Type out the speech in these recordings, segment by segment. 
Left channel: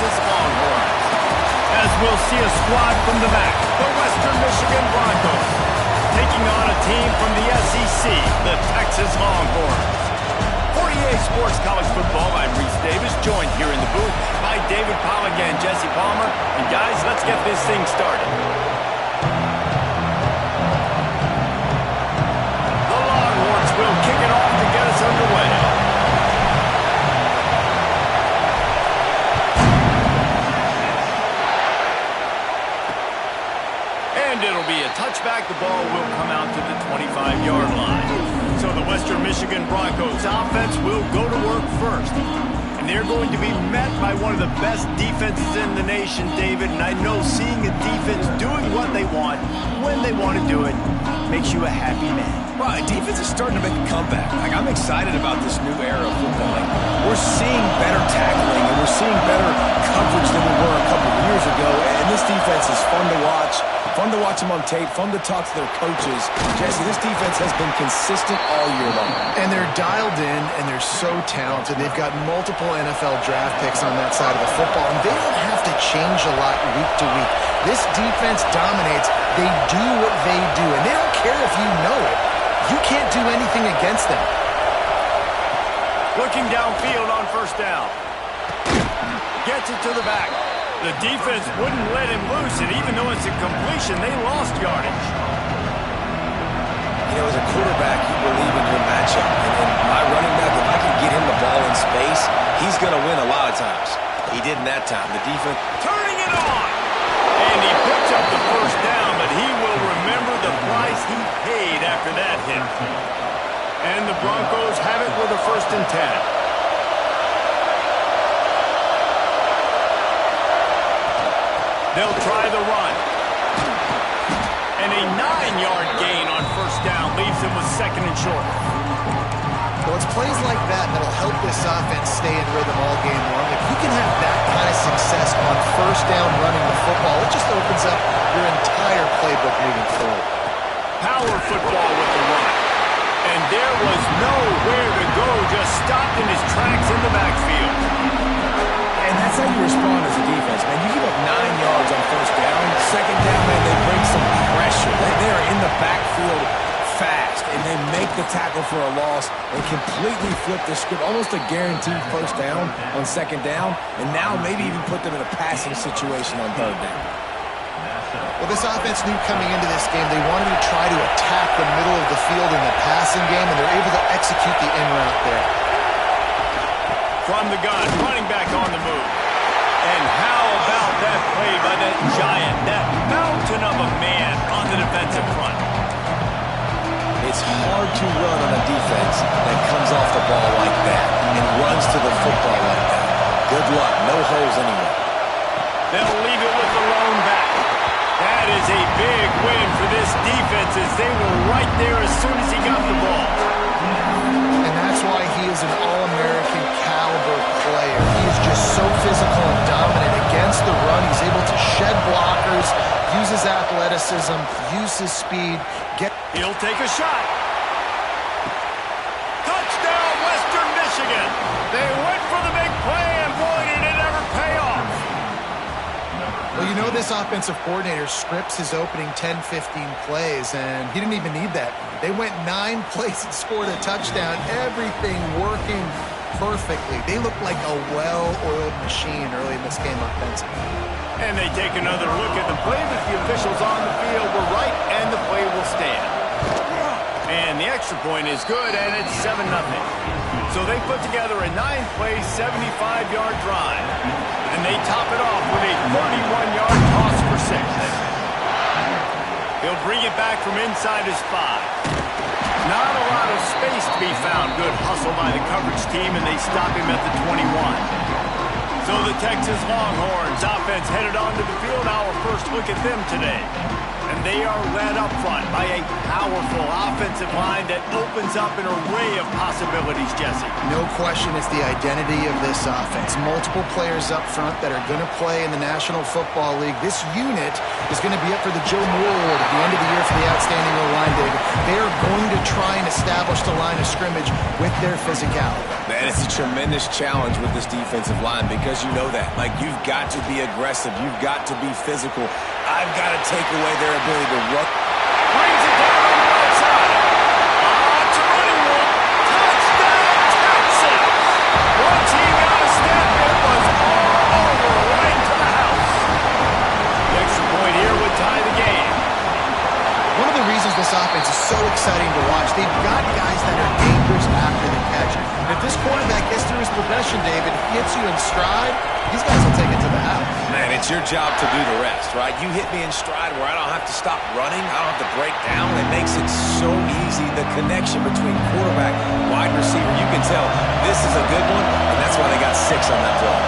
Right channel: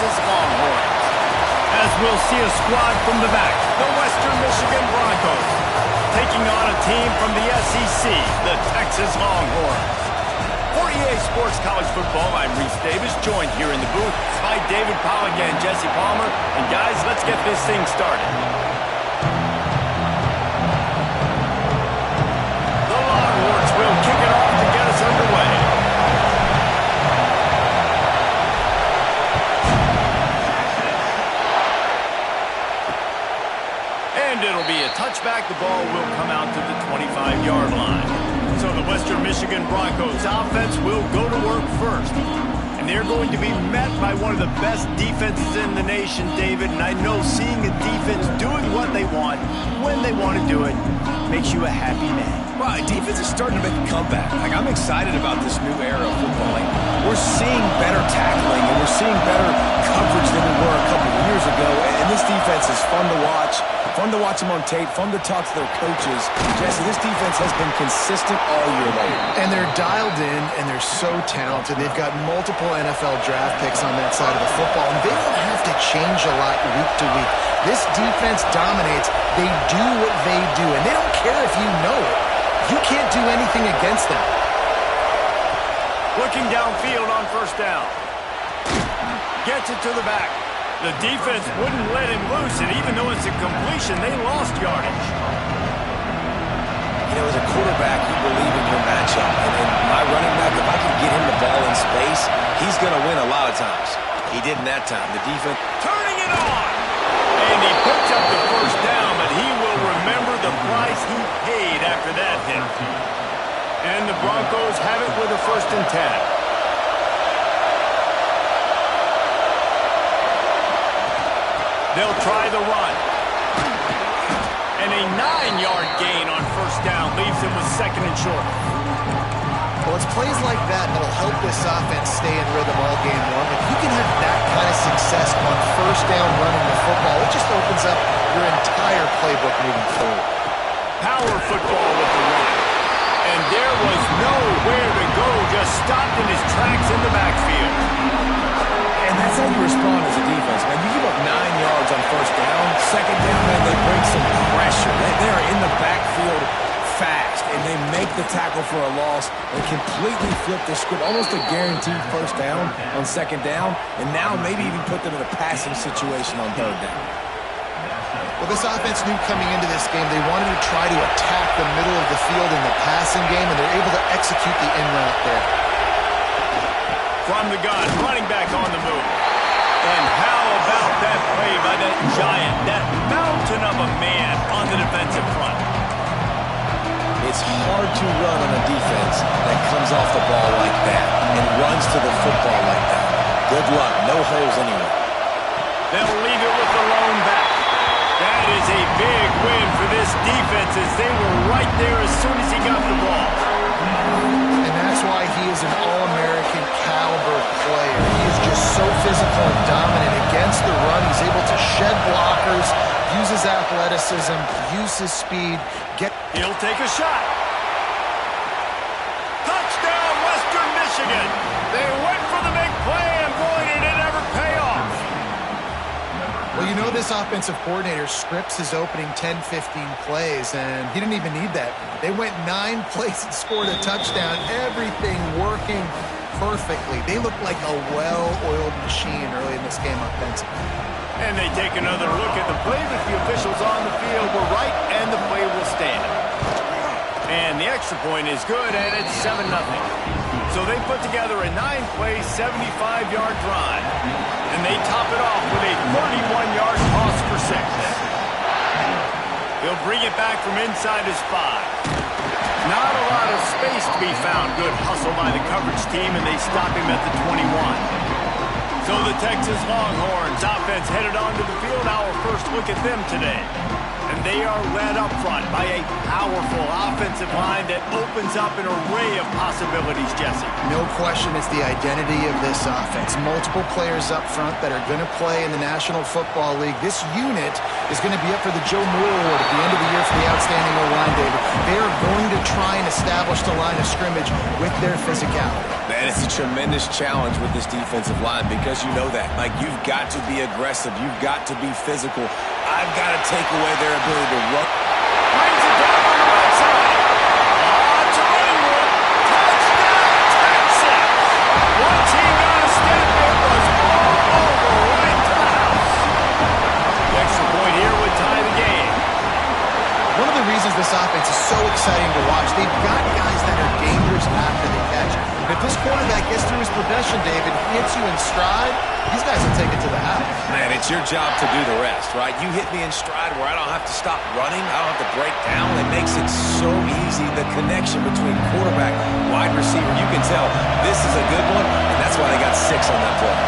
Texas Longhorns. As we'll see a squad from the back, the Western Michigan Broncos, taking on a team from the SEC, the Texas Longhorns. For EA Sports College Football, I'm Reese Davis, joined here in the booth by David Pollack and Jesse Palmer. And guys, let's get this thing started. The Longhorns will kick it off to get us underway. And it'll be a touchback. The ball will come out to the 25-yard line. So the Western Michigan Broncos offense will go to work first. And they're going to be met by one of the best defenses in the nation, David. And I know seeing a defense doing what they want, when they want to do it, makes you a happy man. Right, defense is starting to make a comeback. I'm excited about this new era of football. We're seeing better tackling, and we're seeing better coverage than we were a couple of years ago. And this defense is fun to watch. Fun to watch them on tape, fun to talk to their coaches. Jesse, this defense has been consistent all year long. And they're dialed in, and they're so talented. They've got multiple NFL draft picks on that side of the football, and they don't have to change a lot week to week. This defense dominates. They do what they do, and they don't care if you know it. You can't do anything against them. Looking downfield on first down. Gets it to the back. The defense wouldn't let him loose, and even though it's a completion, they lost yardage. You know, as a quarterback, you believe in your matchup. And my running back, if I can get him the ball in space, he's going to win a lot of times. He didn't that time. The defense... Turning it on! And he picks up the first down, but he will remember the price he paid after that hit. And the Broncos have it with a 1st and 10. They'll try the run. And a 9-yard gain on first down leaves him with 2nd and short. Well, it's plays like that that'll help this offense stay in rhythm all game long. If you can have that kind of success on first down running the football, it just opens up your entire playbook moving forward. Power football with the run. And there was nowhere to go, just stopped in his tracks in the backfield. And that's how you respond as a defense, man. You give up 9 yards on first down. 2nd down, man, they bring some pressure. They are in the backfield fast, and they make the tackle for a loss and completely flip the script. Almost a guaranteed first down on 2nd down, and now maybe even put them in a passing situation on 3rd down. Well, this offense knew coming into this game they wanted to try to attack the middle of the field in the passing game, and they're able to execute the in route there. From the gun, running back on the move. And how about that play by that giant, that mountain of a man on the defensive front? It's hard to run on a defense that comes off the ball like that and runs to the football like that. Good luck. No holes anywhere. They'll leave it with the lone back. That is a big win for this defense as they were right there as soon as he got the ball. And that's why he is an All-American caliber player. He is just so physical and dominant against the run. He's able to shed blockers, use his athleticism, use his speed. He'll take a shot. Touchdown, Western Michigan. They went for the big play, and boy, did it ever pay off. Well, you know this offensive coordinator scripts his opening 10-15 plays, and he didn't even need that. They went 9 plays and scored a touchdown, everything working perfectly. They looked like a well-oiled machine early in this game offensively. And they take another look at the play, but the officials on the field were right, and the play will stand. And the extra point is good, and it's 7-0. So they put together a 9-play, 75-yard drive. And they top it off with a 31-yard toss for 6. He'll bring it back from inside his 5. Not a lot of space to be found. Good hustle by the coverage team, and they stop him at the 21. So the Texas Longhorns offense headed onto the field. Our first look at them today. And they are led up front by a powerful offensive line that opens up an array of possibilities, Jesse. No question it's the identity of this offense. Multiple players up front that are going to play in the National Football League. This unit is going to be up for the Joe Moore Award at the end of the year for the outstanding O-line, David. They are going to try and establish the line of scrimmage with their physicality. Man, it's a tremendous challenge with this defensive line because you know that. Like, you've got to be aggressive. You've got to be physical. I've got to take away their ability to run. Brings it down on the right side. It's a running room. Touchdown, Texas! Once he got a step, it was all over right to the house. The extra point here would tie the game. One of the reasons this offense is so exciting to watch, they've got guys that are dangerous after the catch. If this quarterback gets through his progression, David, hits you in stride, these guys will take it to the house. Man, it's your job to do the rest, right? You hit me in stride where I don't have to stop running. I don't have to break down. It makes it so easy. The connection between quarterback, wide receiver, you can tell this is a good one, and that's why they got 6 on that play.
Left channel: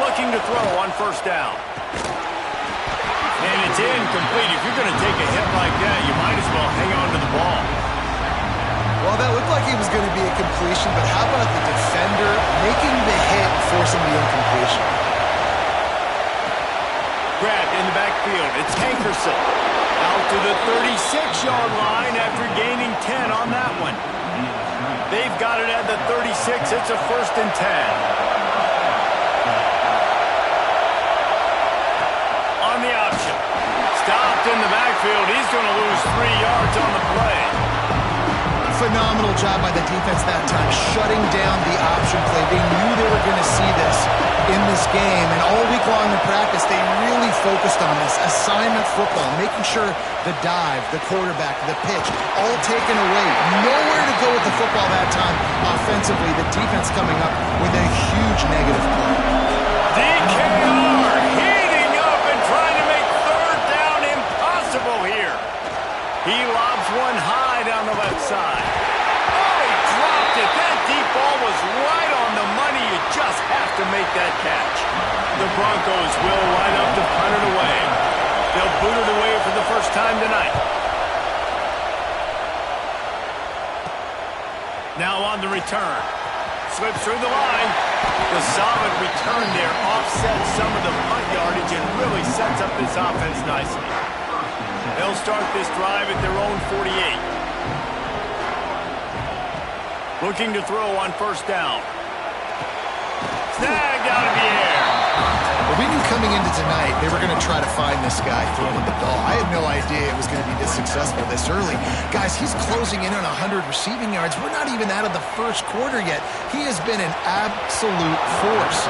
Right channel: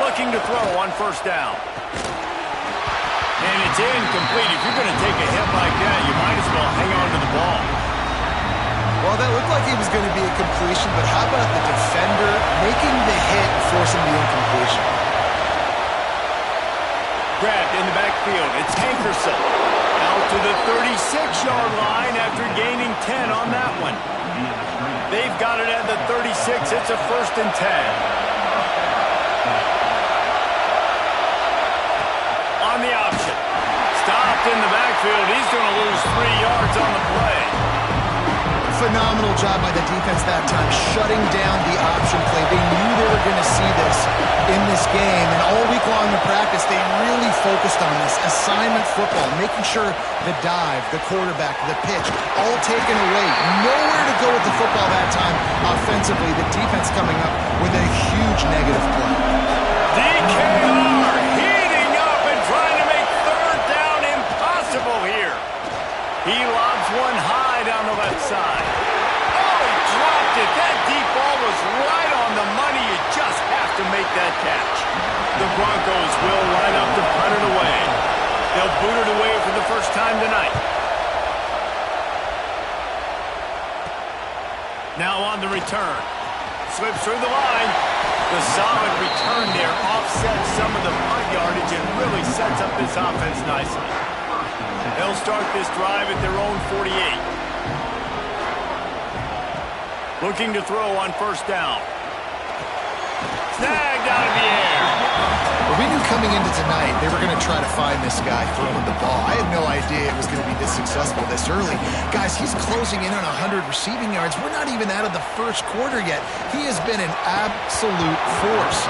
Looking to throw on first down. And it's incomplete. If you're going to take a hit like that, you might as well hang on to the ball. Well, that looked like it was going to be a completion, but how about the defender making the hit, forcing the incompletion? Grabbed in the backfield. It's Hankerson. Out to the 36-yard line after gaining 10 on that one. They've got it at the 36. It's a 1st and 10. On the option. Stopped in the backfield. He's going to lose 3 yards on the play. Phenomenal job by the defense that time, shutting down the option play. They knew they were going to see this in this game, and all week long in practice, they really focused on this. Assignment football, making sure the dive, the quarterback, the pitch, all taken away. Nowhere to go with the football that time offensively. The defense coming up with a huge negative play. DKR heating up and trying to make 3rd down impossible here. He lobs one high down the left side. Oh, he dropped it. That deep ball was right on the money. You just have to make that catch. The Broncos will line up to punt it away. They'll boot it away for the first time tonight. Now on the return. Slips through the line. The solid return there offsets some of the punt yardage and really sets up this offense nicely. They'll start this drive at their own 48. Looking to throw on first down. Snagged out of the air. Well, we knew coming into tonight they were going to try to find this guy throwing the ball. I had no idea it was going to be this successful this early. Guys, he's closing in on 100 receiving yards. We're not even out of the first quarter yet. He has been an absolute force.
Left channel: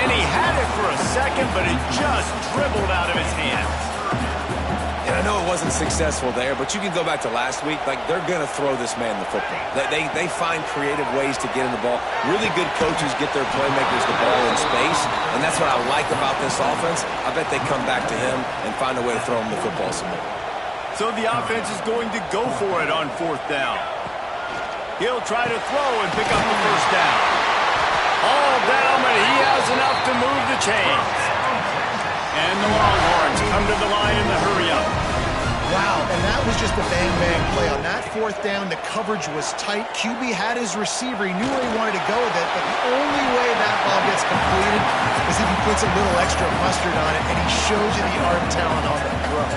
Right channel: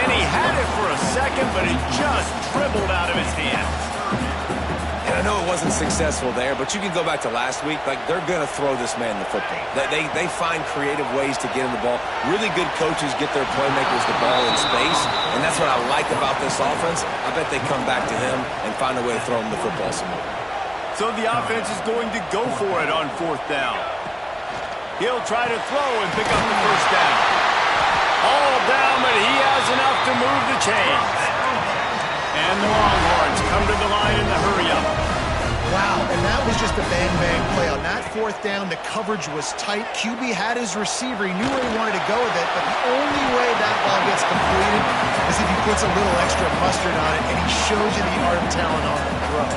And he had it for a second, but it just dribbled out of his hands. And I know it wasn't successful there, but you can go back to last week. Like, they're going to throw this man the football. They find creative ways to get him the ball. Really good coaches get their playmakers the ball in space, and that's what I like about this offense. I bet they come back to him and find a way to throw him the football some more. So the offense is going to go for it on 4th down. He'll try to throw and pick up the first down. All down, but he has enough to move the chains. And the Longhorns come to the line in the hurry-up. Wow, and that was just a bang-bang play. On that 4th down, the coverage was tight. QB had his receiver. He knew where he wanted to go with it, but the only way that ball gets completed is if he puts a little extra mustard on it, and he shows you the arm talent on the throw.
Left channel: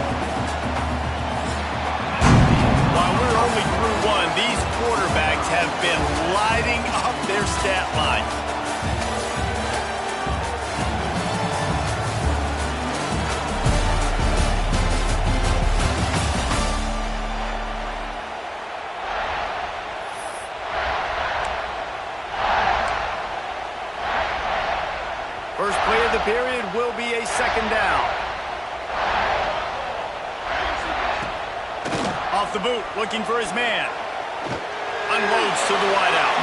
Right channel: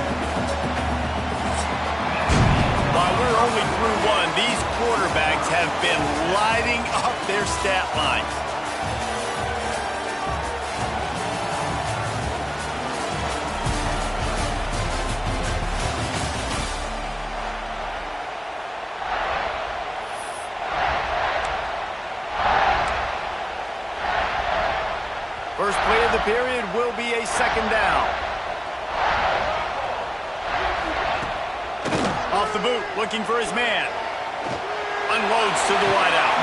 While we're only through one, these quarterbacks have been lighting up their stat line. First play of the period will be a 2nd down. Off the boot, looking for his man. Unloads to the wideout.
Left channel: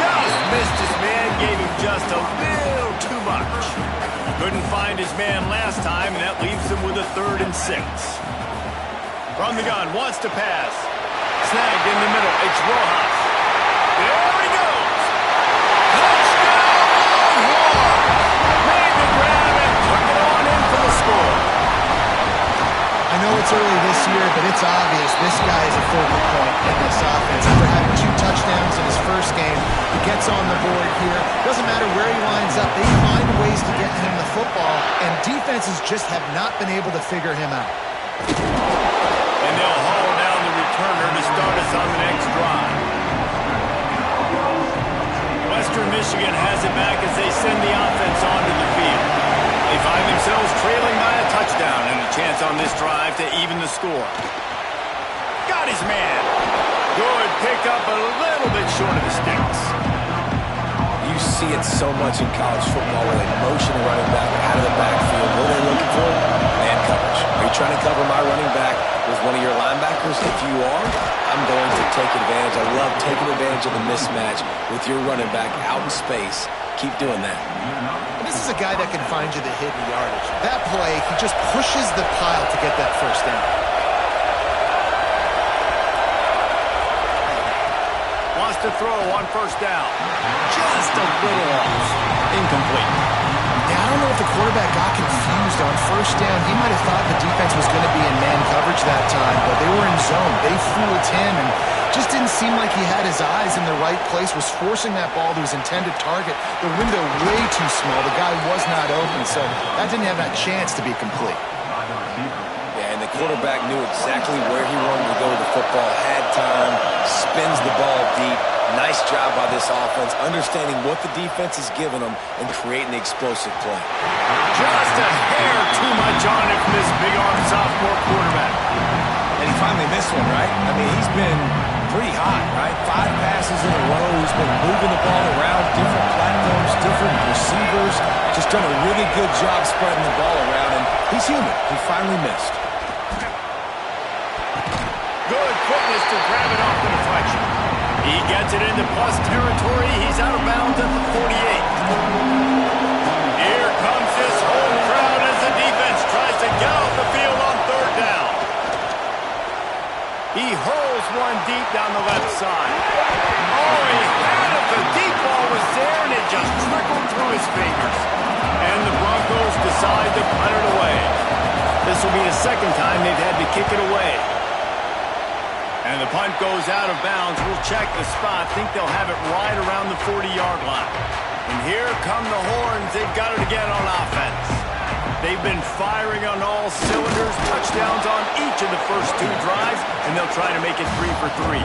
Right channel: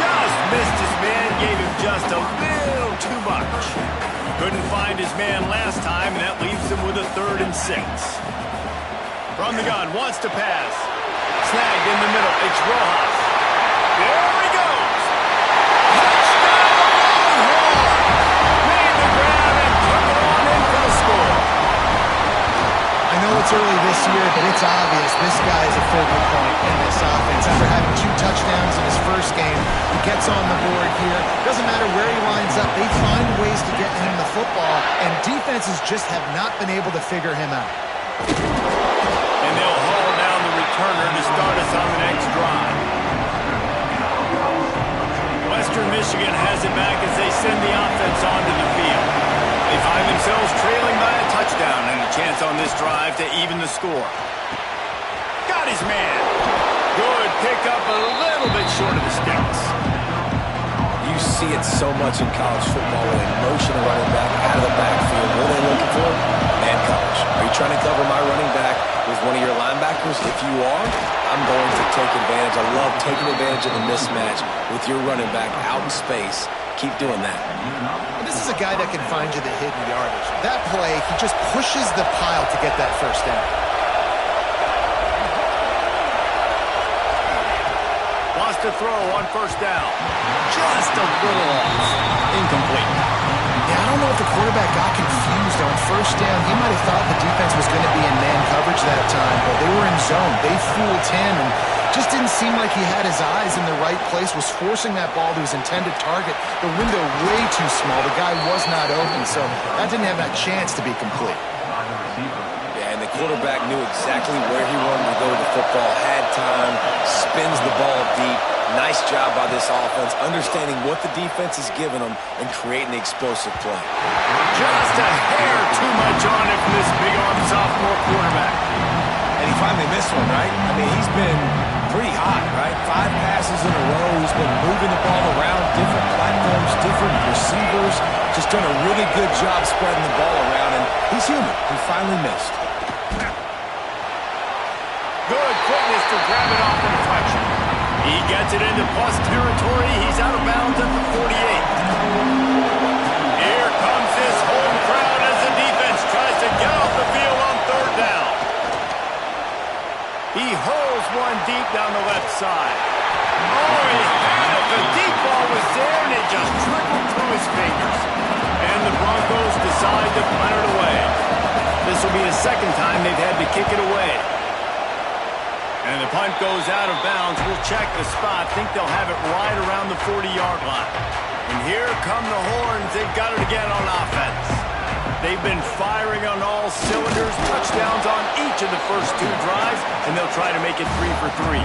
Just missed his man, gave him just a little too much. Couldn't find his man last time, and that leaves him with a 3rd and 6. From the gun, wants to pass. Snagged in the middle, it's Rojas. There he goes. Touchdown, Longhorns! Made the grab and took it on in for the score. I know it's early this year, but it's obvious this guy is a focal point in this offense. After having 2 touchdowns in his first game, he gets on the board here. Doesn't matter where he lines up. They find ways to get him the football, and defenses just have not been able to figure him out. And they'll haul down the returner to start us on the next drive. Western Michigan has it back as they send the offense onto the field. They find themselves trailing by a touchdown and a chance on this drive to even the score. Got his man. Good pickup, a little bit short of the sticks. You see it so much in college football where they motion a running back out of the backfield. What are they looking for? Man coverage. Are you trying to cover my running back with one of your linebackers? If you are, I'm going to take advantage. I love taking advantage of the mismatch with your running back out in space. Keep doing that. This is a guy that can find you the hidden yardage. That play, he just pushes the pile to get that first down. Wants to throw on first down. Just a little off. Incomplete. Yeah, I don't know if the quarterback got confused on first down. He might have thought the defense was going to be in man coverage that time, but they were in zone. They fooled him and just didn't seem like he had his eyes in the right place, was forcing that ball to his intended target. The window way too small. The guy was not open, so that didn't have that chance to be complete. Yeah, and the quarterback knew exactly where he wanted to go with the football, had time, spins the ball deep. Nice job by this offense, understanding what the defense is giving them and creating the explosive play. Just a hair too much on it from this big-arm sophomore quarterback. And he finally missed one, right? I mean, he's been pretty hot, right? 5 passes in a row. He's been moving the ball around, different platforms, different receivers. Just done a really good job spreading the ball around, and he's human. He finally missed. Good quickness to grab it off the deflection. He gets it into plus territory. He's out of bounds at the 48. Here comes this home crowd as the defense tries to get off the field on third down. He hurls one deep down the left side. Oh, he had it. The deep ball was there, and it just trickled through his fingers. And the Broncos decide to punt it away. This will be the second time they've had to kick it away. And the punt goes out of bounds. We'll check the spot. Think they'll have it right around the 40-yard line. And here come the horns. They've got it again on offense. They've been firing on all cylinders. Touchdowns on each of the first 2 drives, and they'll try to make it 3 for 3.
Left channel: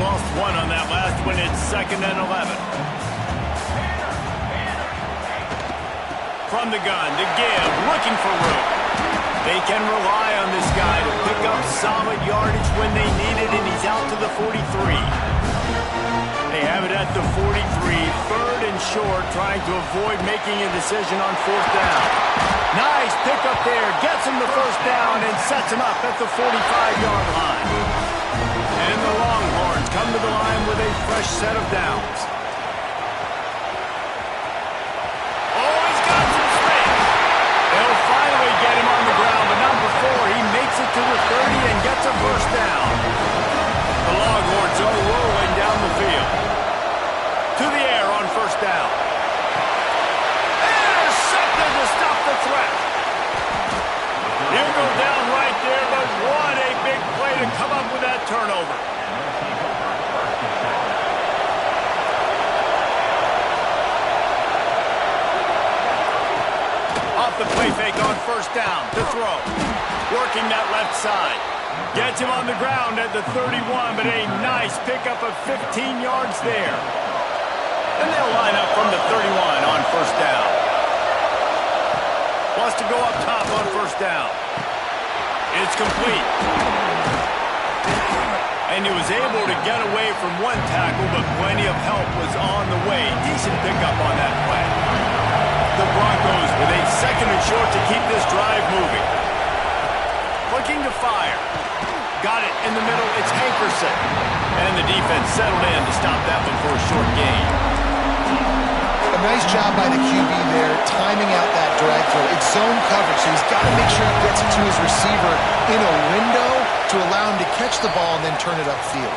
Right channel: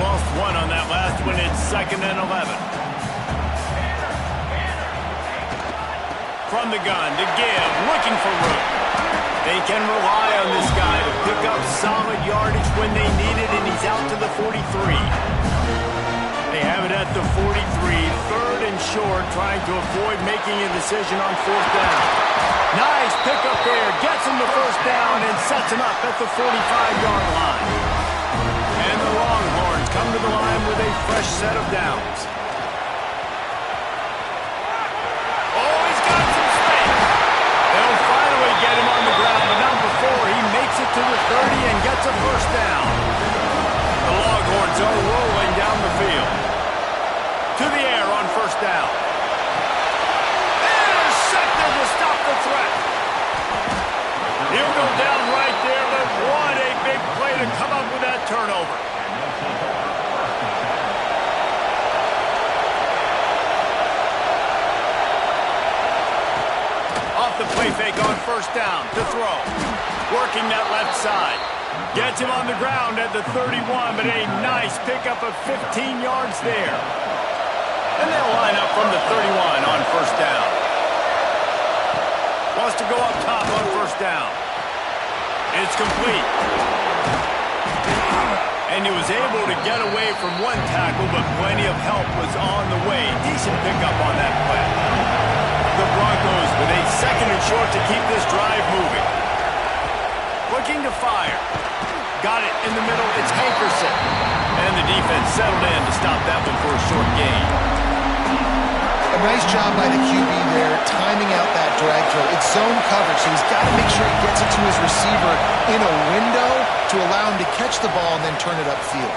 Lost one on that last one. It's 2nd and 11. From the gun to give, looking for room. They can rely on this guy to pick up solid yardage when they need it, and he's out to the 43. They have it at the 43, 3rd and short, trying to avoid making a decision on 4th down. Nice pickup there, gets him the first down and sets him up at the 45-yard line. And the Longhorns come to the line with a fresh set of downs. Oh, he's got some space. They'll finally get him on the ground, but not before he makes it to the 30 and gets a first down. The Longhorns are rolling down the field. To the air on first down. Intercepted to stop the threat. He'll go down right there, but what a big play to come up with that turnover. Off the play fake on first down to throw. Working that left side. Gets him on the ground at the 31, but a nice pickup of 15 yards there. And they'll line up from the 31 on first down. Wants to go up top on first down. It's complete. And he was able to get away from one tackle, but plenty of help was on the way. Decent pickup on that play. The Broncos with a 2nd and short to keep this drive moving. Looking to fire. Got it in the middle. It's Hankerson. And the defense settled in to stop that one for a short gain. A nice job by the QB there, timing out that drag throw. It's zone coverage, so he's got to make sure he gets it to his receiver in a window to allow him to catch the ball and then turn it upfield.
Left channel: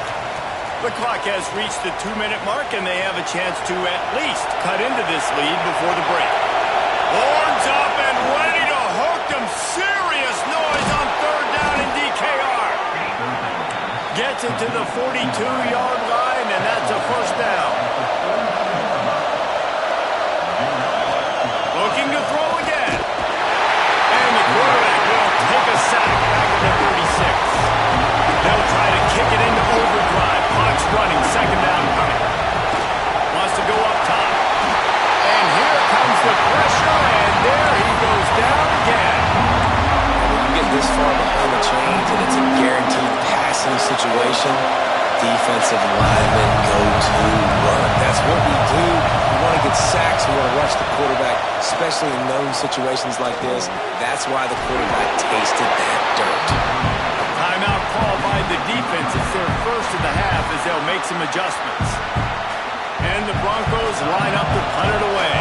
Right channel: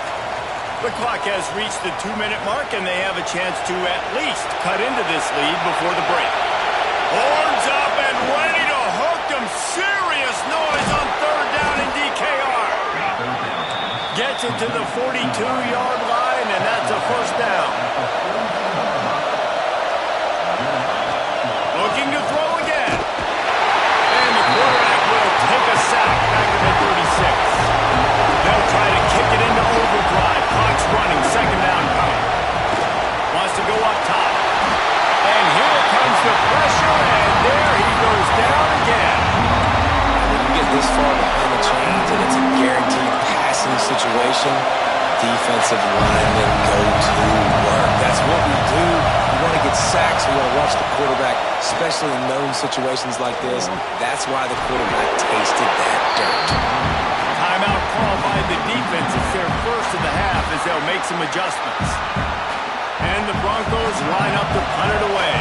The clock has reached the 2-minute mark, and they have a chance to at least cut into this lead before the break. Horns up and ready to hook them. Serious noise on third down in DKR. Gets it to the 42-yard line, and that's a first down. Looking to throw again. And the quarterback will take a sack back at the 36. They'll try to the pressure, and there he goes down again. And when you get this far behind the chains and it's a guaranteed passing situation, defensive linemen go to work. That's what we do. We want to get sacks. We want to rush the quarterback, especially in known situations like this. That's why the quarterback tasted that dirt. Timeout called by the defense. It's their first of the half as they'll make some adjustments. And the Broncos line up to punt it away.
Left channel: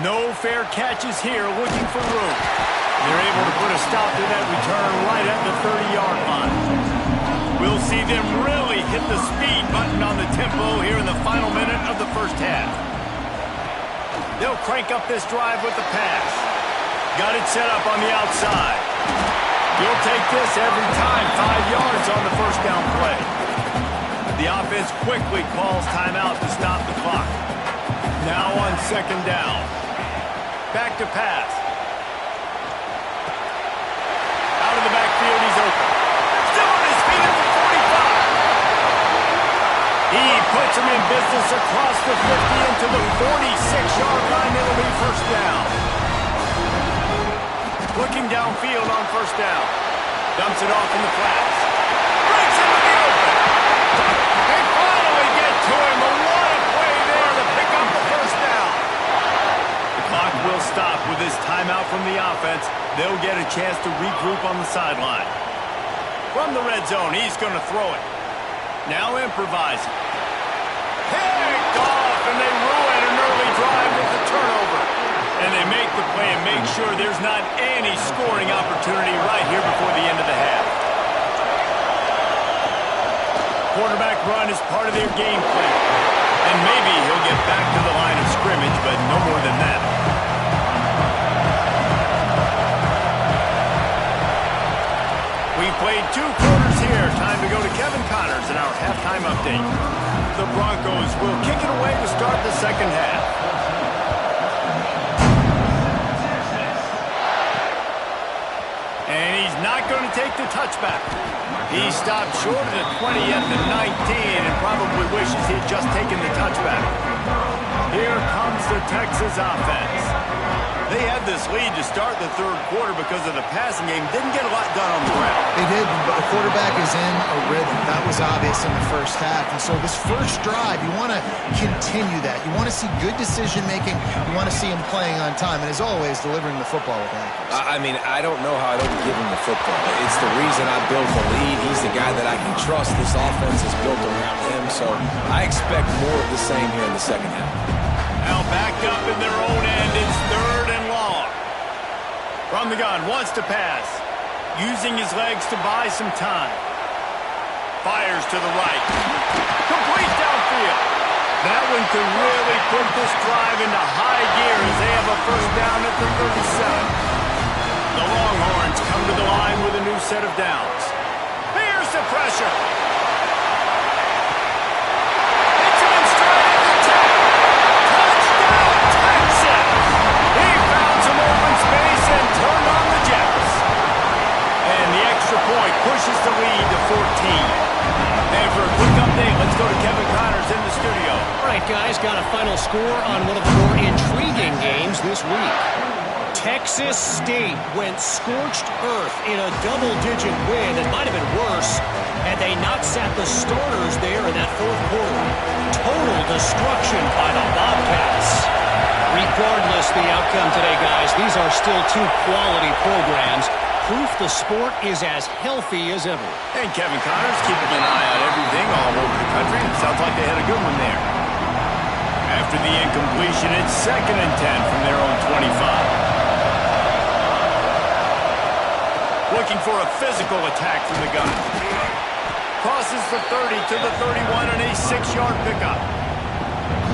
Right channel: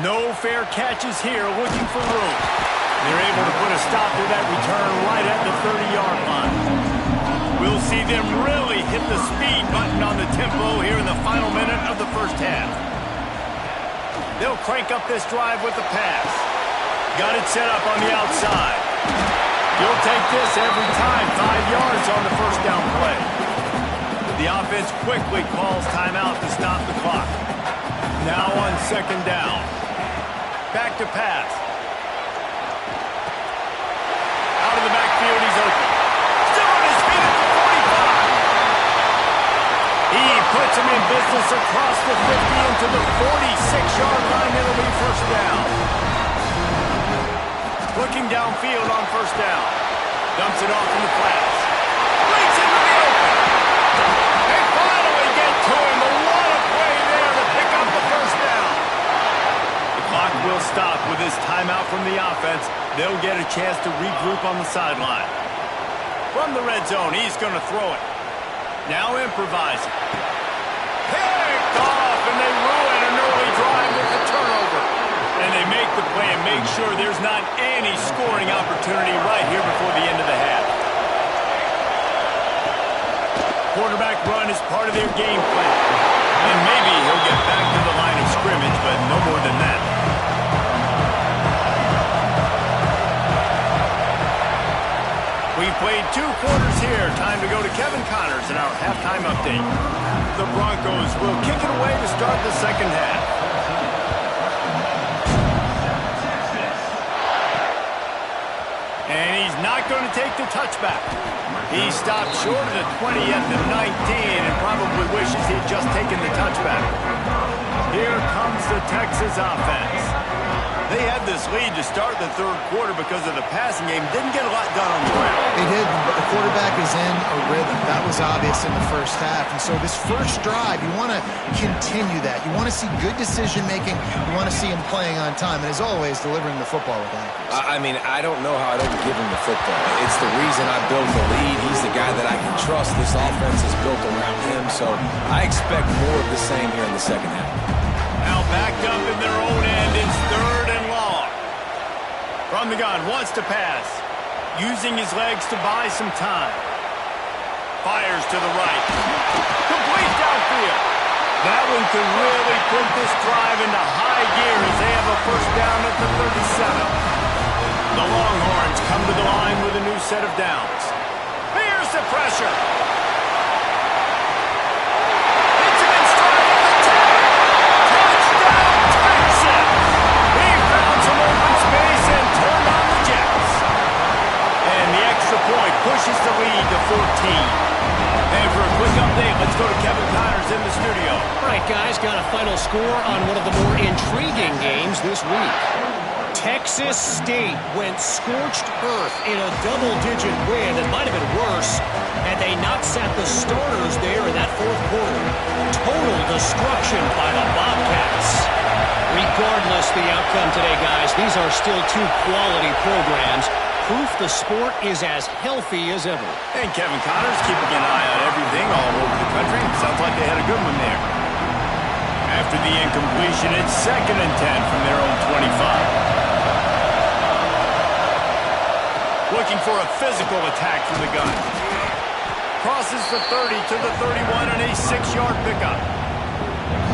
No fair catches here, looking for room. They're able to put a stop to that return right at the 30-yard line. We'll see them really hit the speed button on the tempo here in the final minute of the first half. They'll crank up this drive with the pass. Got it set up on the outside. You'll take this every time. 5 yards on the first down play. The offense quickly calls timeout to stop the clock. Now on second down. Back to pass. Out of the backfield, he's open. Still on his feet at the 45. He puts him in business across the 50 into the 46-yard line. It'll be first down. Looking downfield on first down. Dumps it off in the flats. Breaks into the open. They finally get to him. But what a play there to pick up the first down. The clock will stop with this timeout from the offense. They'll get a chance to regroup on the sideline. From the red zone, he's going to throw it. Now improvising. Picked off, and they ruin an early drive with the turnover. And they make the play and make sure there's not any scoring opportunity right here before the end of the half. Quarterback run is part of their game plan. And maybe he'll get back to the line of scrimmage, but no more than that. We've played 2 quarters here. Time to go to Kevin Connors in our halftime update. The Broncos will kick it away to start the second half. And he's not going to take the touchback. He stopped short of the 20 at the 19 and probably wishes he had just taken the touchback. Here comes the Texas offense. They had this lead to start the third quarter because of the passing game. Didn't get a lot done on the ground. They didn't, but the quarterback is in a rhythm. That was obvious in the first half. And so this first drive, you want to continue that. You want to see good decision-making. You want to see him playing on time. And as always, delivering the football with accuracy. I mean, I don't know how I don't give him the football. It's the reason I built the lead. He's the guy that I can trust. This offense is built around him. So I expect more of the same here in the second half. Now backed up in their own end. It's third and long. From the gun, wants to pass. Using his legs to buy some time. Fires to the right. Complete downfield. That one could really put this drive into high gear as they have a first down at the 37. The Longhorns come to the line with a new set of downs. Here's the pressure. Hits him in stride at the 10. Touchdown, Texas! He found some open space and turned on the Jets. And the extra point pushes the lead to 14. And for a quick update, let's go to Kevin Connors in the studio. All right, guys, got a final score on one of the more intriguing games this week. Texas State went scorched earth in a double-digit win. It might have been worse had they not sat the starters there in that fourth quarter. Total destruction by the Bobcats. Regardless the outcome today, guys, these are still 2 quality programs. Proof the sport is as healthy as ever. And Kevin Connors keeping an eye on everything all over the country. Sounds like they had a good one there. After the incompletion, it's 2nd and 10 from their own 25. Looking for a physical attack from the gun. Crosses the 30 to the 31 and a 6-yard pickup.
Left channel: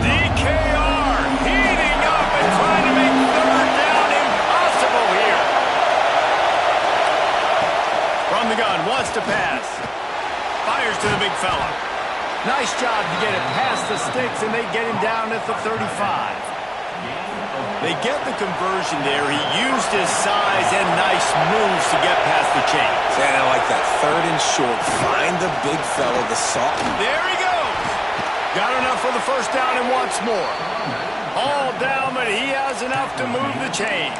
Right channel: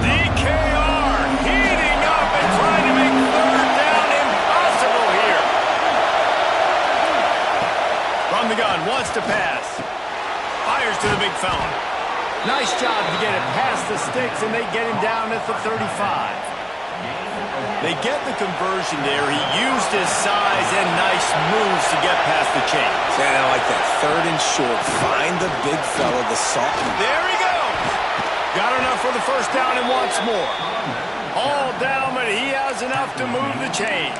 DKR heating up and trying to make third down impossible here. From the gun, wants to pass. Fires to the big fella. Nice job to get it past the sticks, and they get him down at the 35. They get the conversion there. He used his size and nice moves to get past the chains. And I like that. 3rd and short. Find the big fella, the soft. There he goes. Got enough for the first down and wants more. All down, but he has enough to move the chains.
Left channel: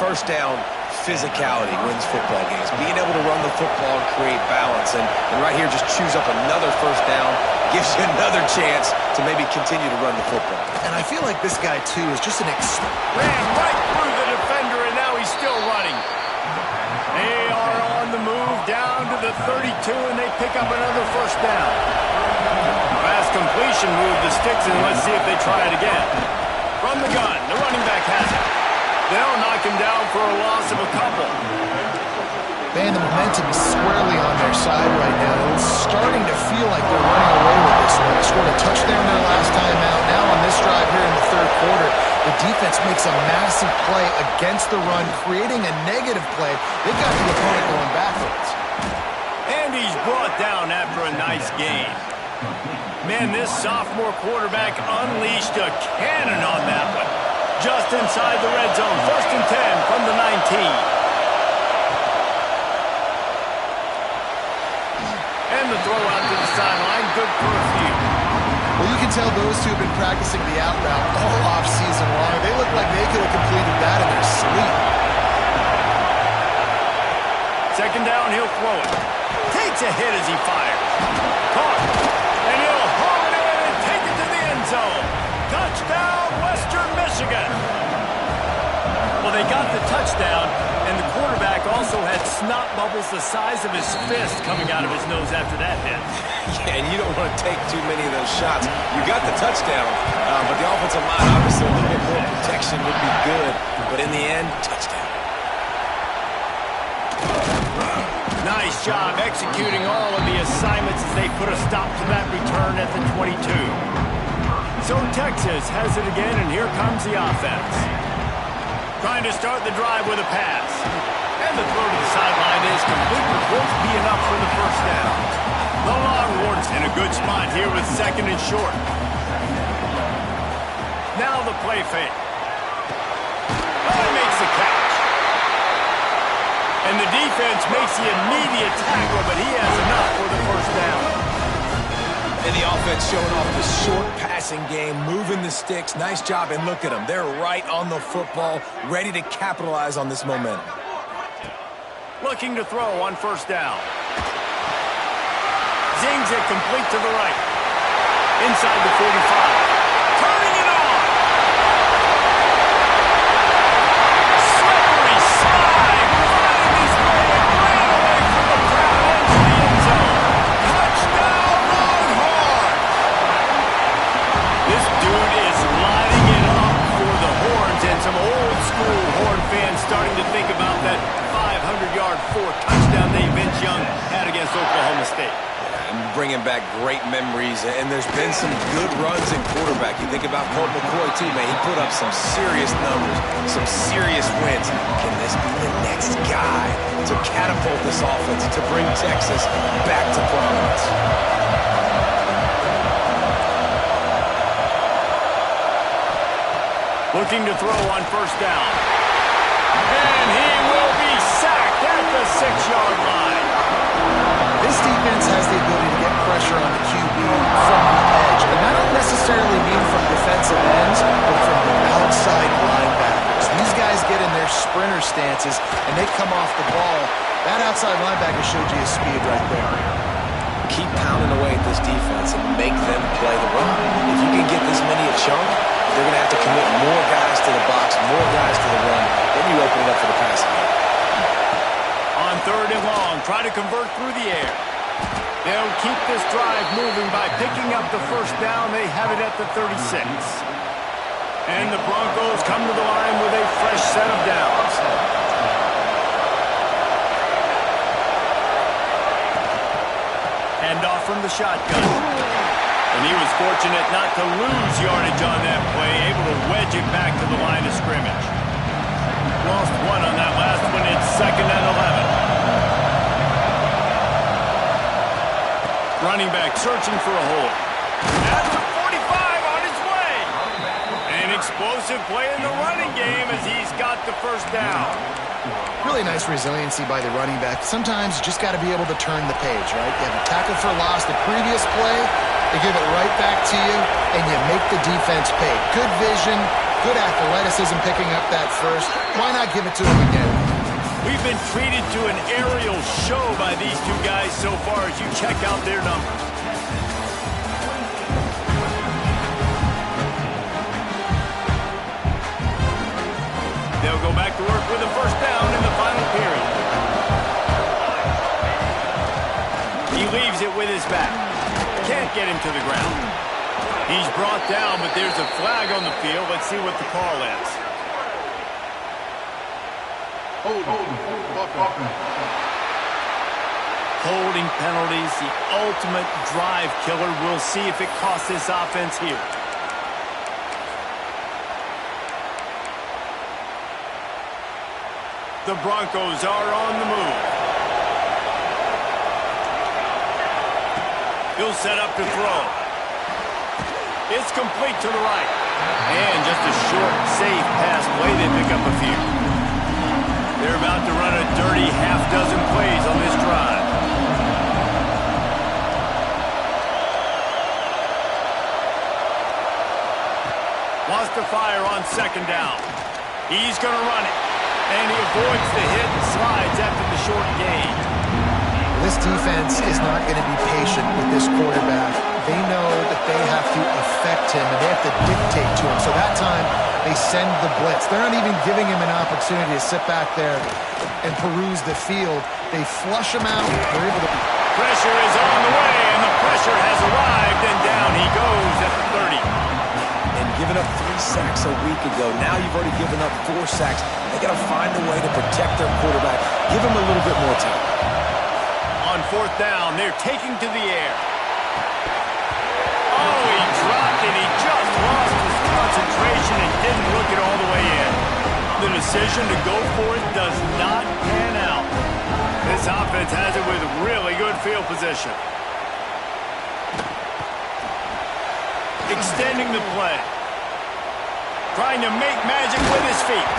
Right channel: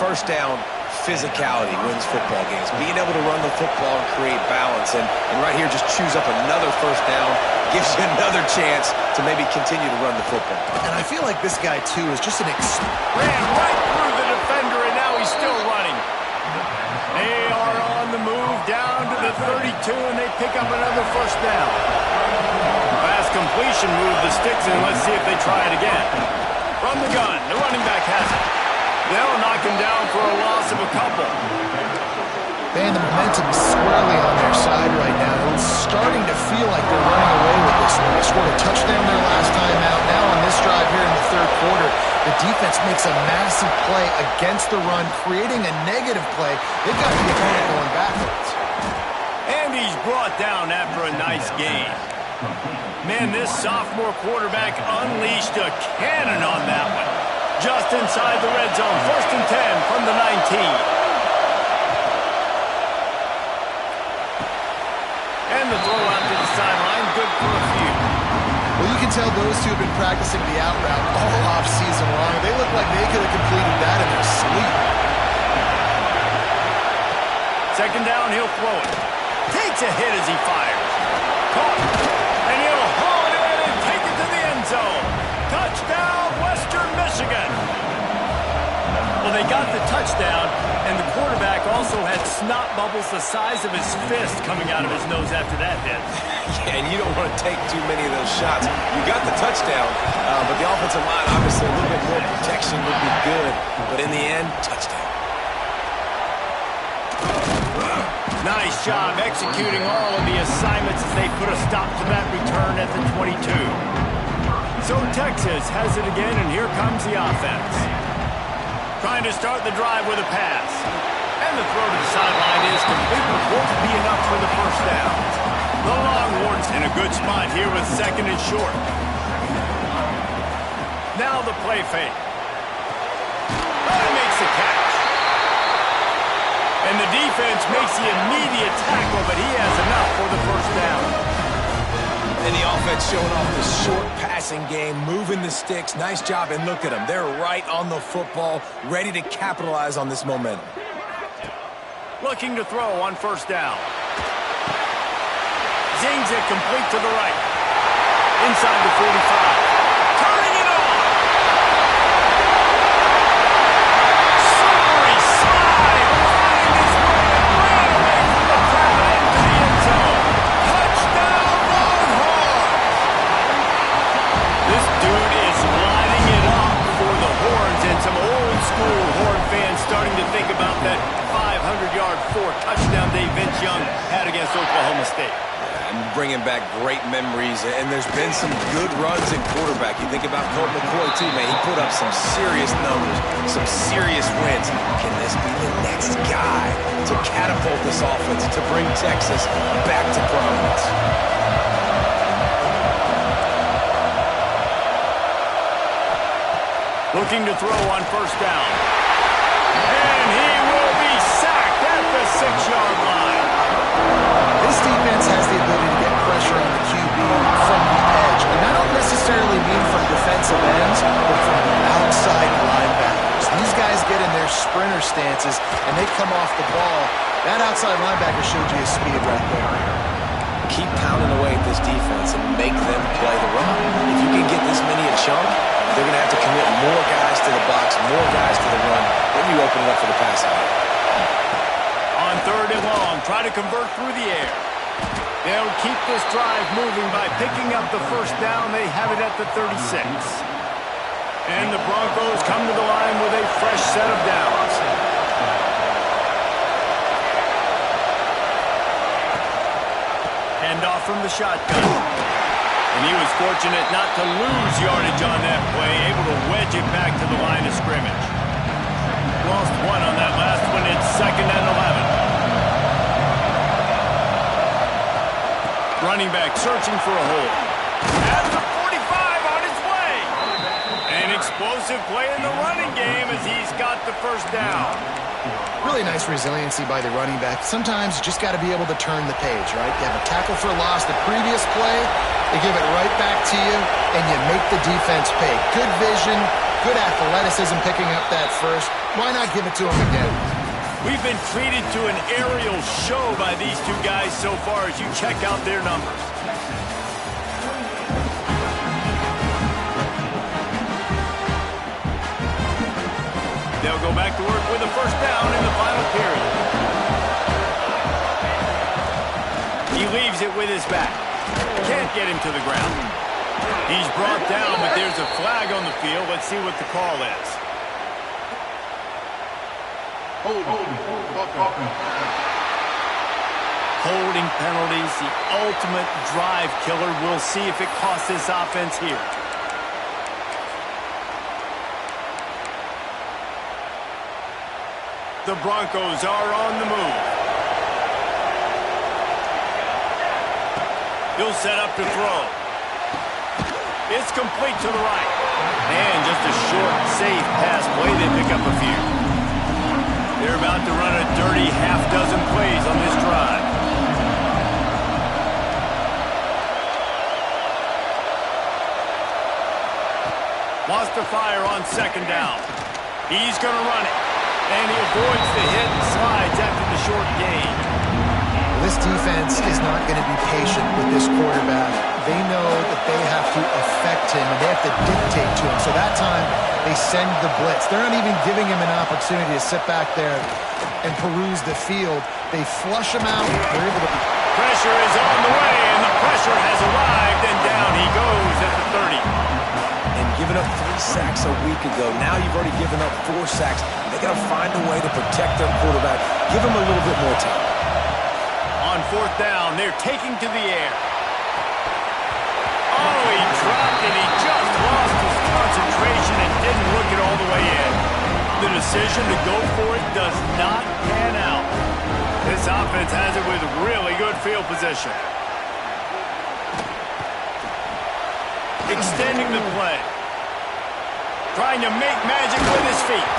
First down, physicality wins football games. Being able to run the football and create balance. And right here, just choose up another first down. Gives you another chance to maybe continue to run the football. And I feel like this guy, too, is just an ran right through the defender, and now he's still running. They are on the move down to the 32, and they pick up another first down. Fast completion move the sticks, and let's see if they try it again. From the gun, the running back has it. They'll knock him down for a loss of a couple. Man, the momentum is squarely on their side right now. It's starting to feel like they're running away with this one. They scored a touchdown their last time out. Now on this drive here in the 3rd quarter, the defense makes a massive play against the run, creating a negative play. They've got the opponent going backwards. And he's brought down after a nice gain. Man, this sophomore quarterback unleashed a cannon on that one. Just inside the red zone. 1st and 10 from the 19. And the throw out to the sideline, good for a few. Well, you can tell those two have been practicing the out route all off-season long. They look like they could have completed that in their sleep. 2nd down, he'll throw it. Takes a hit as he fires. Caught. And he'll haul it in and take it to the end zone. Touchdown, Western Michigan. Well, they got the touchdown, and the quarterback also had snot bubbles the size of his fist coming out of his nose after that hit. Yeah, and you don't want to take too many of those shots. You got the touchdown, but the offensive line, obviously a little bit more protection would be good. But in the end, touchdown. Nice job executing all of the assignments as they put a stop to that return at the 22. So Texas has it again, and here comes the offense. Trying to start the drive with a pass. And the throw to the sideline is complete, but won't be enough for the first down. The Longhorns in a good spot here with 2nd and short. Now the play fake. Oh, he makes the catch. And the defense makes the immediate tackle, but he has enough for the first down. And the offense showing off the short passing game, moving the sticks. Nice job, and look at them. They're right on the football, ready to capitalize on this momentum. Looking to throw on 1st down. Zings it complete to the right. Inside the 45. Turning it on. Slippery slide. Find his way and ran away from the crowd into the end zone. Touchdown, Longhorns. This dude is lighting it up for the Horns, and some old-school Horn fans starting to think about that 500-yard 4-touchdown day Vince Young had against Oklahoma State. And bringing back great memories, and there's been some good runs in quarterback. You think about Colt McCoy, too, man. He put up some serious numbers, some serious wins. Can this be the next guy to catapult this offense, to bring Texas back to prominence? Looking to throw on 1st down. And he will be sacked at the 6-yard line. This defense has the ability to get pressure on the QB from the edge. And I don't necessarily mean from defensive ends, but from the outside linebackers. These guys get in their sprinter stances, and they come off the ball. That outside linebacker showed you his speed right there. Keep pounding away at this defense and make them play the run. If you can get this many a chunk, they're going to have to commit more guys to the box, more guys to the run. Then you open it up for the passing game. On 3rd and long, try to convert through the air. They'll keep this drive moving by picking up the first down. They have it at the 36. And the Broncos come to the line with a fresh set of downs. Hand off from the shotgun. And he was fortunate not to lose yardage on that play, able to wedge it back to the line of scrimmage. Lost one on that last one. It's 2nd and 11. Running back searching for a hole. At the 45 on his way. explosive play in the running game as he's got the first down. Really nice resiliency by the running back. Sometimes you just got to be able to turn the page, right? You have a tackle for loss the previous play, they give it right back to you, and you make the defense pay. Good vision, good athleticism picking up that first. Why not give it to him again? We've been treated to an aerial show by these two guys so far as you check out their numbers. They'll go back to work with a first down in the final period. He leaves it with his back. Can't get him to the ground. He's brought down, but there's a flag on the field. Let's see what the call is. Holding penalties, the ultimate drive killer. We'll see if it costs this offense here. The Broncos are on the move. He'll set up to throw. It's complete to the right. And just a short, safe pass play. They pick up a few. They're about to run a dirty half-dozen plays on this drive. Wants to fire on second down. He's going to run it. And he avoids the hit and slides after the short gain. This defense is not going to be patient with this quarterback. They know that they have to affect him, and they have to dictate to him. So that time, they send the blitz. They're not even giving him an opportunity to sit back there and peruse the field. They flush him out. They're able to... Pressure is on the way, and the pressure has arrived, and down he goes at the 30. And giving up 3 sacks a week ago. Now you've already given up 4 sacks. They got to find a way to protect their quarterback. Give him a little bit more time. On fourth down, they're taking to the air. Oh, he dropped it. He just lost his concentration and didn't look it all the way in. The decision to go for it does not pan out. This offense has it with really good field position. Extending the play. Trying to make magic with his feet.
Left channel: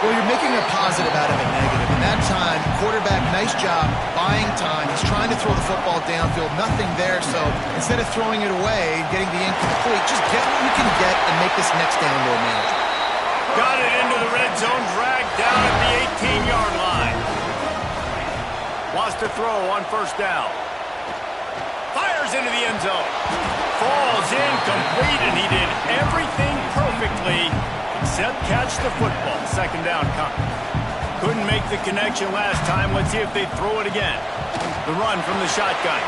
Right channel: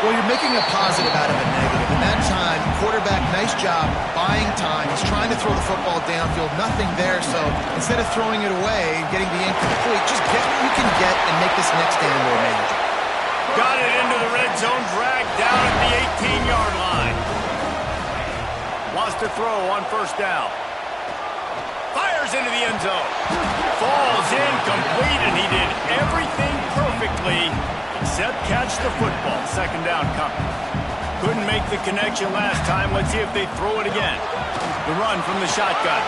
Well, you're making a positive out of a negative. In that time, quarterback, nice job, buying time. He's trying to throw the football downfield. Nothing there, so instead of throwing it away and getting the incomplete, just get what you can get and make this next down more manageable. Got it into the red zone, dragged down at the 18-yard line. Wants to throw on first down. Fires into the end zone. Falls incomplete, and he did everything perfectly except catch the football. Second down coming. Couldn't make the connection last time. Let's see if they throw it again. The run from the shotgun.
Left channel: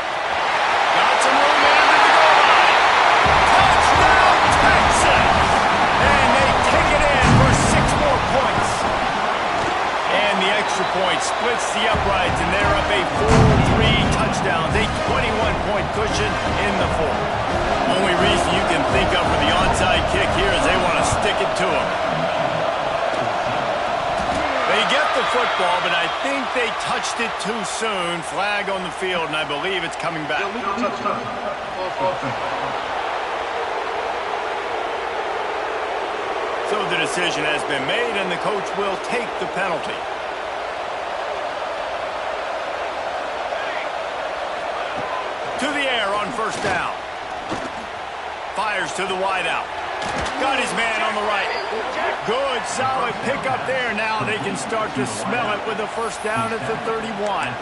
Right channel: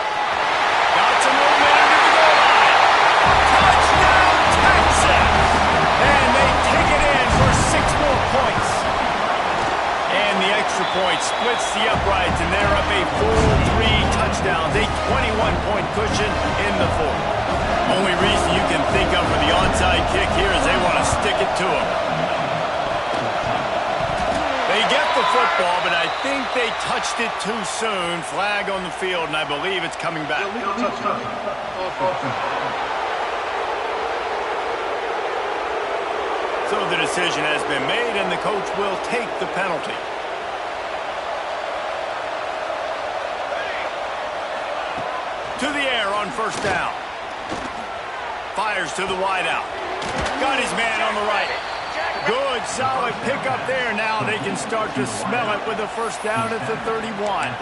Got some room in under the goal line. Touchdown, Texas! And they take it in for 6 more points. And the extra point splits the uprights, and they're up a full 3 touchdowns. A 21-point cushion in the fourth. Only reason you can think of for the onside kick here is they want to stick it to him. They get the football, but I think they touched it too soon. Flag on the field, and I believe it's coming back. So the decision has been made, and the coach will take the penalty. To the air on first down. Fires to the wideout. Got his man on the right. Good, solid pickup there. Now they can start to smell it with a first down at the 31.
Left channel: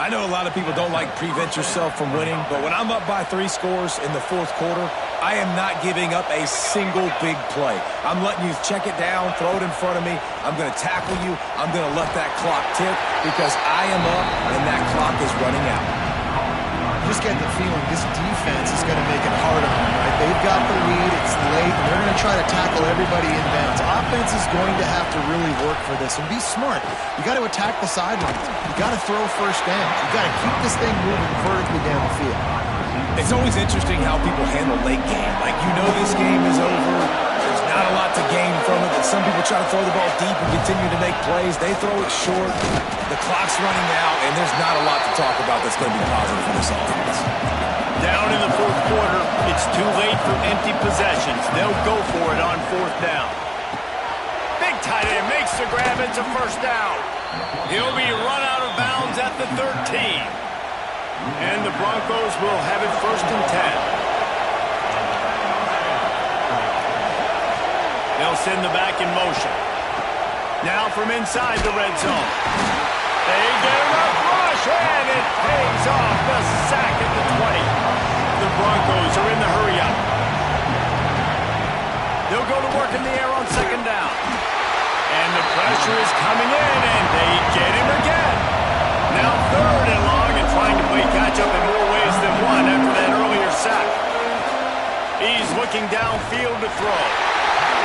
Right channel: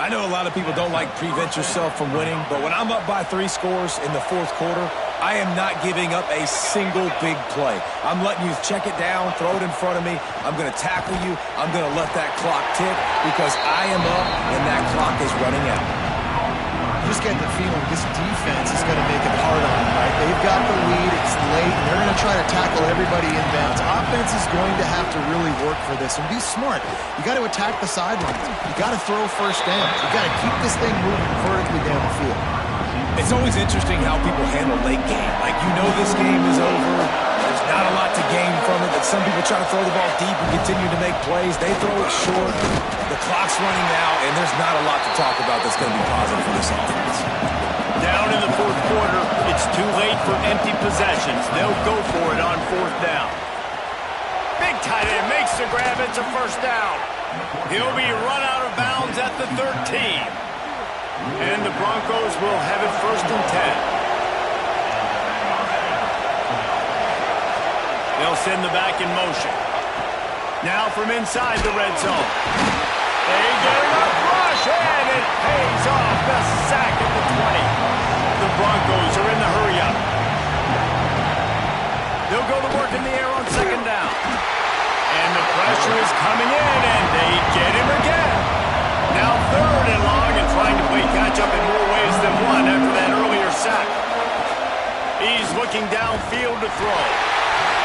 I know a lot of people don't like prevent yourself from winning, but when I'm up by 3 scores in the fourth quarter, I am not giving up a single big play. I'm letting you check it down, throw it in front of me. I'm going to tackle you. I'm going to let that clock tick because I am up and that clock is running out. You just get the feeling this defense is going to make it hard on them, right? They've got the lead, it's late, and they're going to try to tackle everybody inbounds. Offense is going to have to really work for this and be smart. You got to attack the sidelines. You got to throw first downs. You got to keep this thing moving vertically down the field. It's always interesting how people handle late game. Like, you know this game is over. There's not a lot to gain from it, but some people try to throw the ball deep and continue to make plays. They throw it short. The clock's running out, and there's not a lot to talk about that's going to be positive for this offense. Down in the fourth quarter, it's too late for empty possessions. They'll go for it on fourth down. Big tight end makes the grab. It's a first down. He'll be run out of bounds at the 13. And the Broncos will have it first and 10. They'll send the back in motion. Now from inside the red zone. They get enough rush, and it pays off. The sack at the 20. The Broncos are in the hurry-up. They'll go to work in the air on second down. And the pressure is coming in, and they get him again. Now third and long, and trying to play catch-up in more ways than one after that earlier sack. He's looking downfield to throw.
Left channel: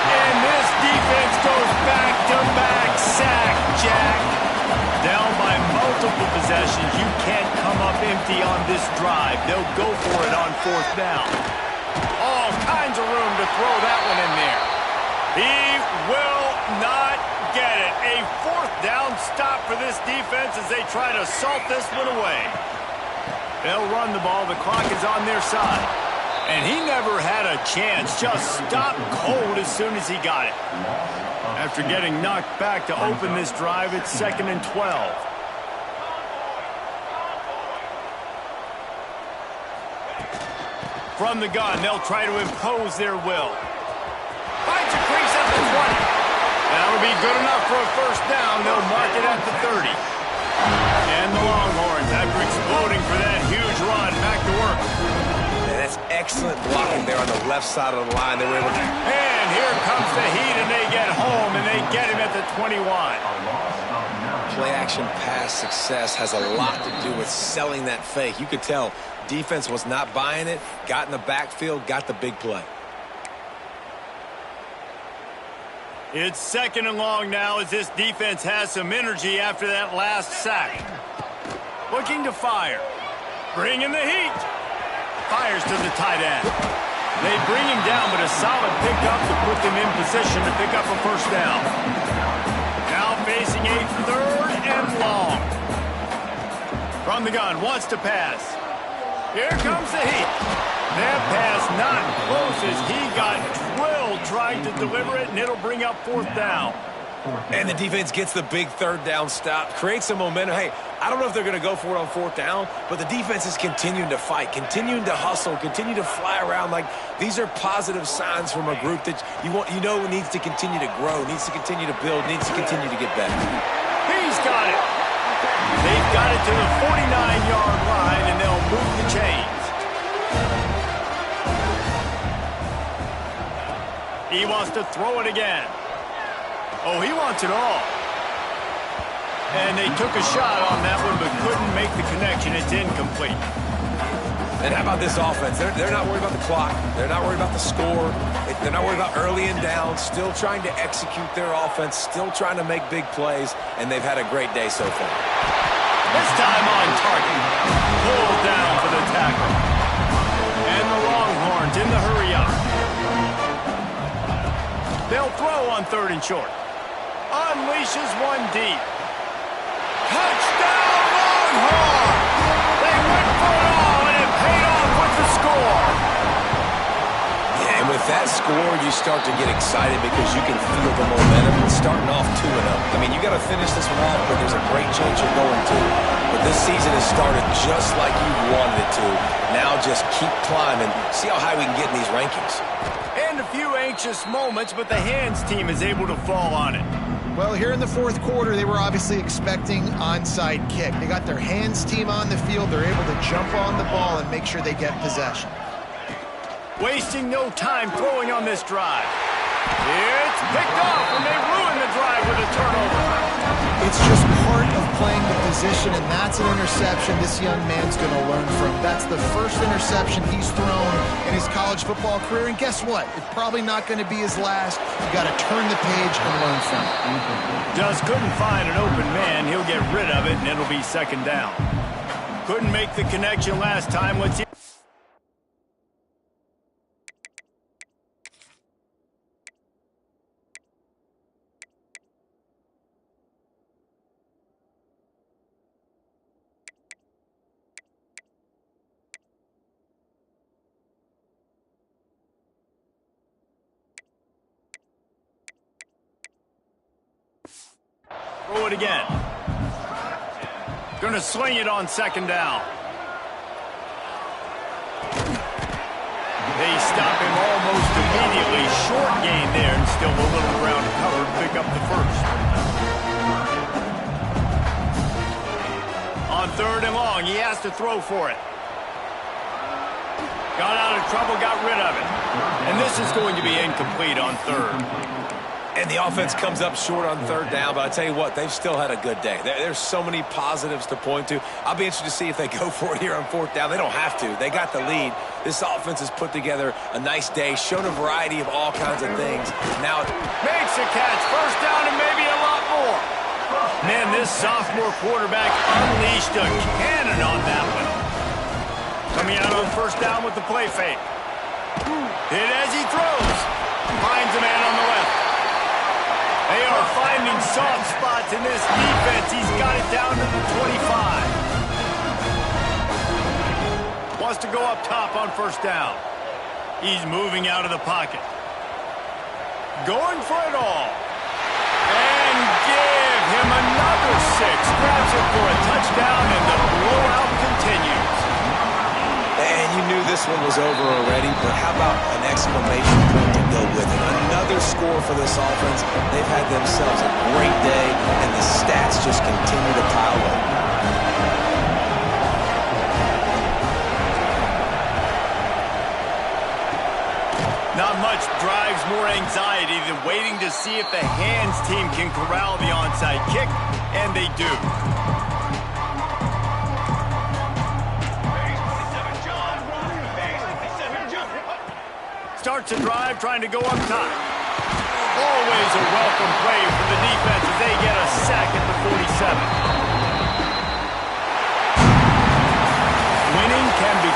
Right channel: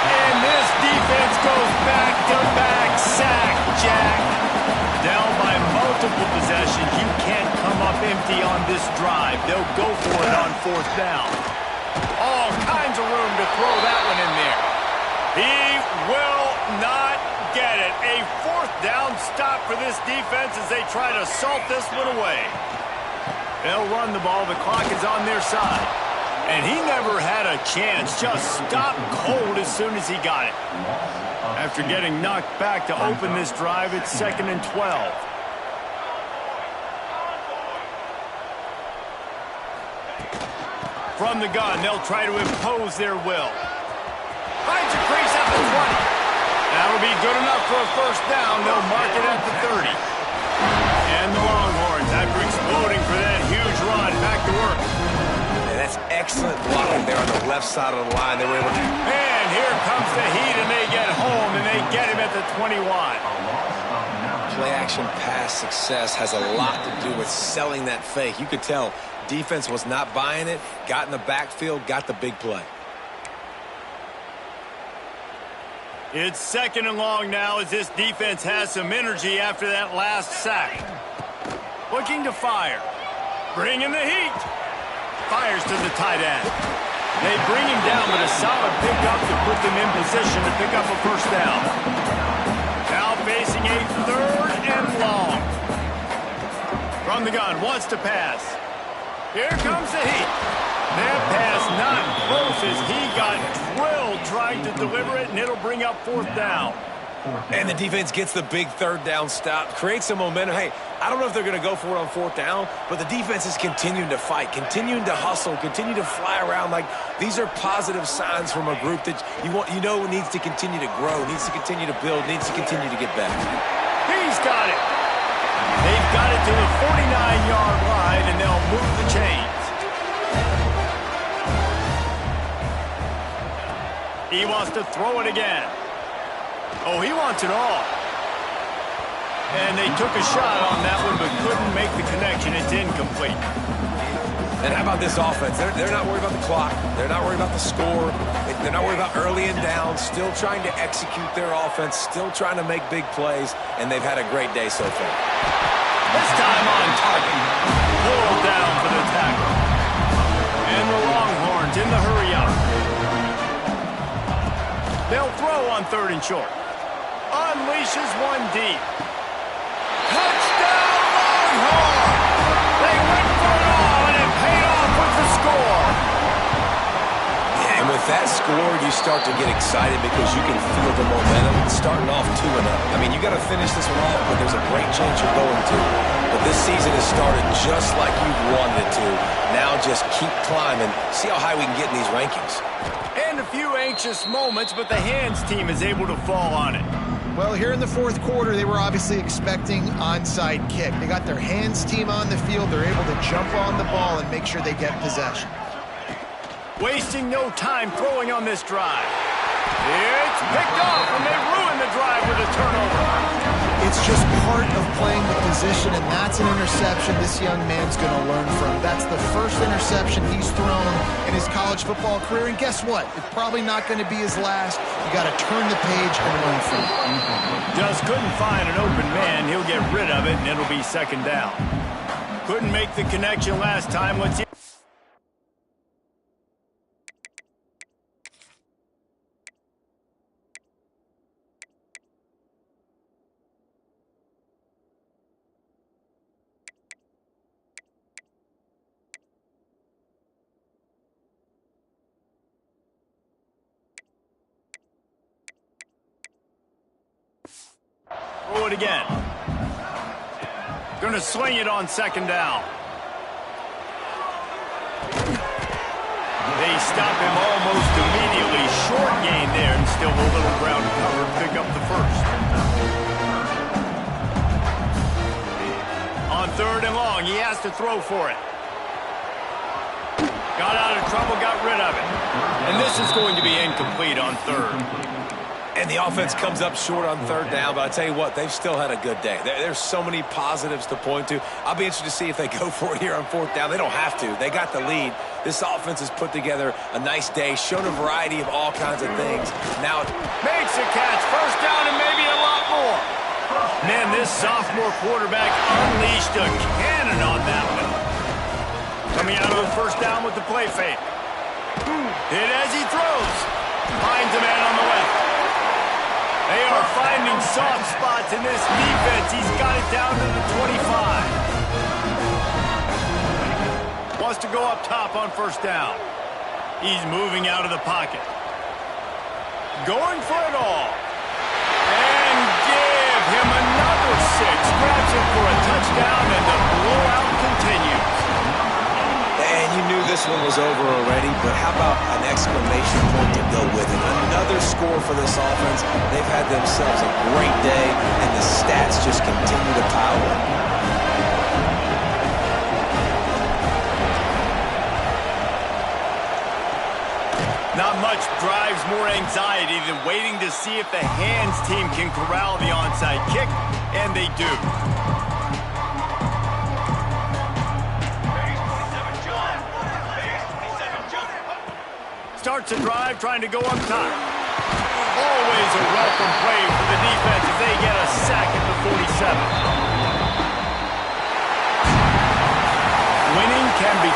And this defense goes back-to-back sack, Jack. Down by multiple possessions, you can't come up empty on this drive. They'll go for it on fourth down. All kinds of room to throw that one in there. He will not get it. A fourth down stop for this defense as they try to salt this one away. They'll run the ball. The clock is on their side. And he never had a chance. Just stopped cold as soon as he got it. After getting knocked back to open this drive, it's 2nd and 12. From the gun, they'll try to impose their will. Finds a crease at the 20. That'll be good enough for a first down. They'll mark it at the 30. And the Longhorns, after exploding for that huge run, back to work. And that's excellent blocking there on the left side of the line. They were able to... And here comes the heat, and they get home, and they get him at the 21. Play-action pass success has a lot to do with selling that fake. You could tell defense was not buying it, got in the backfield, got the big play. It's 2nd and long now as this defense has some energy after that last sack. Looking to fire. Bringing the heat. Fires to the tight end. They bring him down, but a solid pickup to put them in position to pick up a first down. Now facing a 3rd and long. From the gun, wants to pass. Here comes the heat. That pass not close as he got drilled trying to deliver it, and it'll bring up 4th down. And the defense gets the big 3rd down stop, creates some momentum. Hey, I don't know if they're going to go for it on 4th down, but the defense is continuing to fight, continuing to hustle, continue to fly around. Like, these are positive signs from a group that you know needs to continue to grow, needs to continue to build, needs to continue to get better. He's got it. They've got it to the 49-yard line, and they'll move the chains. He wants to throw it again. Oh, he wants it all. And they took a shot on that one, but couldn't make the connection. It's incomplete. And how about this offense? They're not worried about the clock. They're not worried about the score. They're not worried about early and down. Still trying to execute their offense. Still trying to make big plays. And they've had a great day so far. This time on target. Pulled down for the tackle. And the Longhorns in the hurry-up. They'll throw on 3rd and short. Unleashes one deep. Touchdown, Longhorn! They went for it all, and it paid off with the score. Yeah, and with that score, you start to get excited because you can feel the momentum starting off 2-0. I mean, you got to finish this one off, but there's a great chance you're going to. But this season has started just like you wanted it to. Now just keep climbing. See how high we can get in these rankings. And a few anxious moments, but the hands team is able to fall on it. Well, here in the fourth quarter, they were obviously expecting onside kick. They got their hands team on the field. They're able to jump on the ball and make sure they get possession. Wasting no time throwing on this drive. It's picked off, and they ruin the drive with a turnover. It's just part of playing the position, and that's an interception this young man's going to learn from. That's the first interception he's thrown in his college football career, and guess what? It's probably not going to be his last. You got to turn the page and learn from it. Just couldn't find an open man. He'll get rid of it, and it'll be 2nd down. Couldn't make the connection last time. Let's see. Throw it again. Going to sling it on second down. They stop him almost immediately. Short gain there, and still a little ground to cover to pick up the first. On third and long, he has to throw for it. Got out of trouble, got rid of it. And this is going to be incomplete on third. And the offense comes up short on third down, but I tell you what, they've still had a good day. There's so many positives to point to. I'll be interested to see if they go for it here on fourth down. They don't have to. They got the lead. This offense has put together a nice day, shown a variety of all kinds of things. Now it makes a catch, first down, and maybe a lot more. Man, this sophomore quarterback unleashed a cannon on that one. Coming out on first down with the play fake. Hit as he throws. Finds a man on the left. They are finding soft spots in this defense. He's got it down to the 25. Wants to go up top on first down. He's moving out of the pocket. Going for it all. And give him another 6. Grabs it for a touchdown, and the blowout continues. And you knew this one was over already, but how about an exclamation point to go with it? Another score for this offense. They've had themselves a great day, and the stats just continue to pile up. Not much drives more anxiety than waiting to see if the hands team can corral the onside kick, and they do. Starts a drive trying to go up top. Always a welcome play for the defense as they get a sack at the 47. Winning can be